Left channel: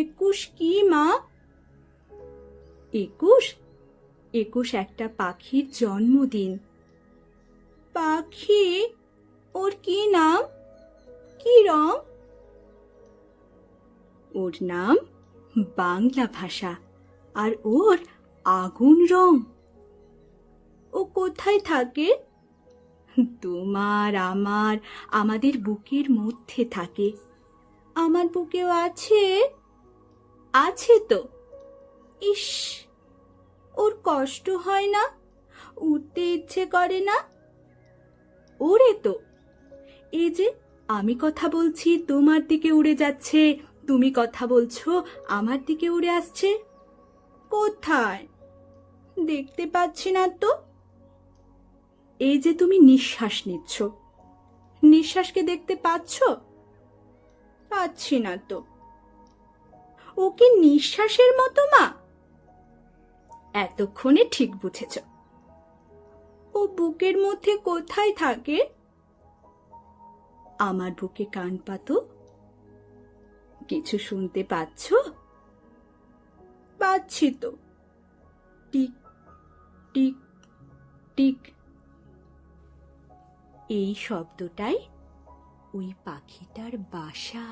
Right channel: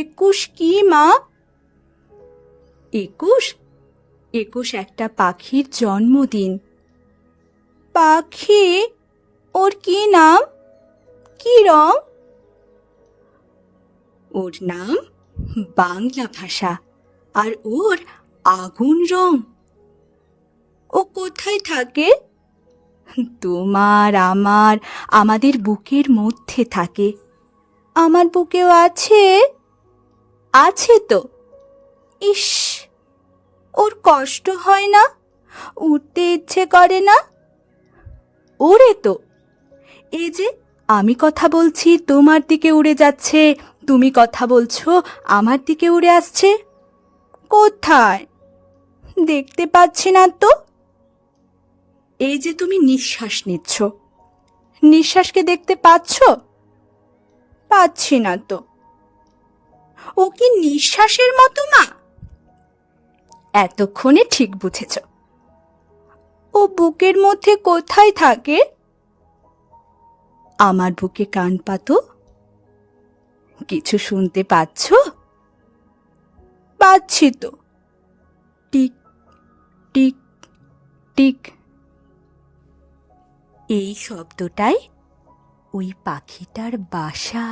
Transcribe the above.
একুশ কি মা? 21? 21 একটা পাখির জন্মদিন। পাখি? ওর কি নাম, কি রং? ওর নাম বাংলা ভাষা, আর ওর আগুন রং। ও কোথায় থাকে? তোমার আমার আমাদের বুকের মধ্যে থাকে। আমার বুকেও আছে। আছে তো। ইস, ওর কষ্ট হয় না? উঠতে ইচ্ছে করে না? ওরে তো, এই যে আমি কথা বলছি তোমার দিকে উড়ে যাচ্ছে, তুমি কথা বলছো আমার দিকে উড়ে আসছে। কোথায়? দেখতে পাচ্ছি না তো। এই যে তুমি নিঃশ্বাস নিচ্ছ, নিঃশ্বাসকে দেখতে পাচ্ছ? পাচ্ছি না তো। ও কি নিঃশ্বাসের মতো মা? এতক্ষণে ঠিক বুঝেছ। ও বুকের মধ্যে কোথায় থাকে? আমার বুকে কান পাতো। কিছু শুনতে পাচ্ছ? পাচ্ছি তো। Tick tick tick. এই শব্দটাই ওই পাখিটার বাসা।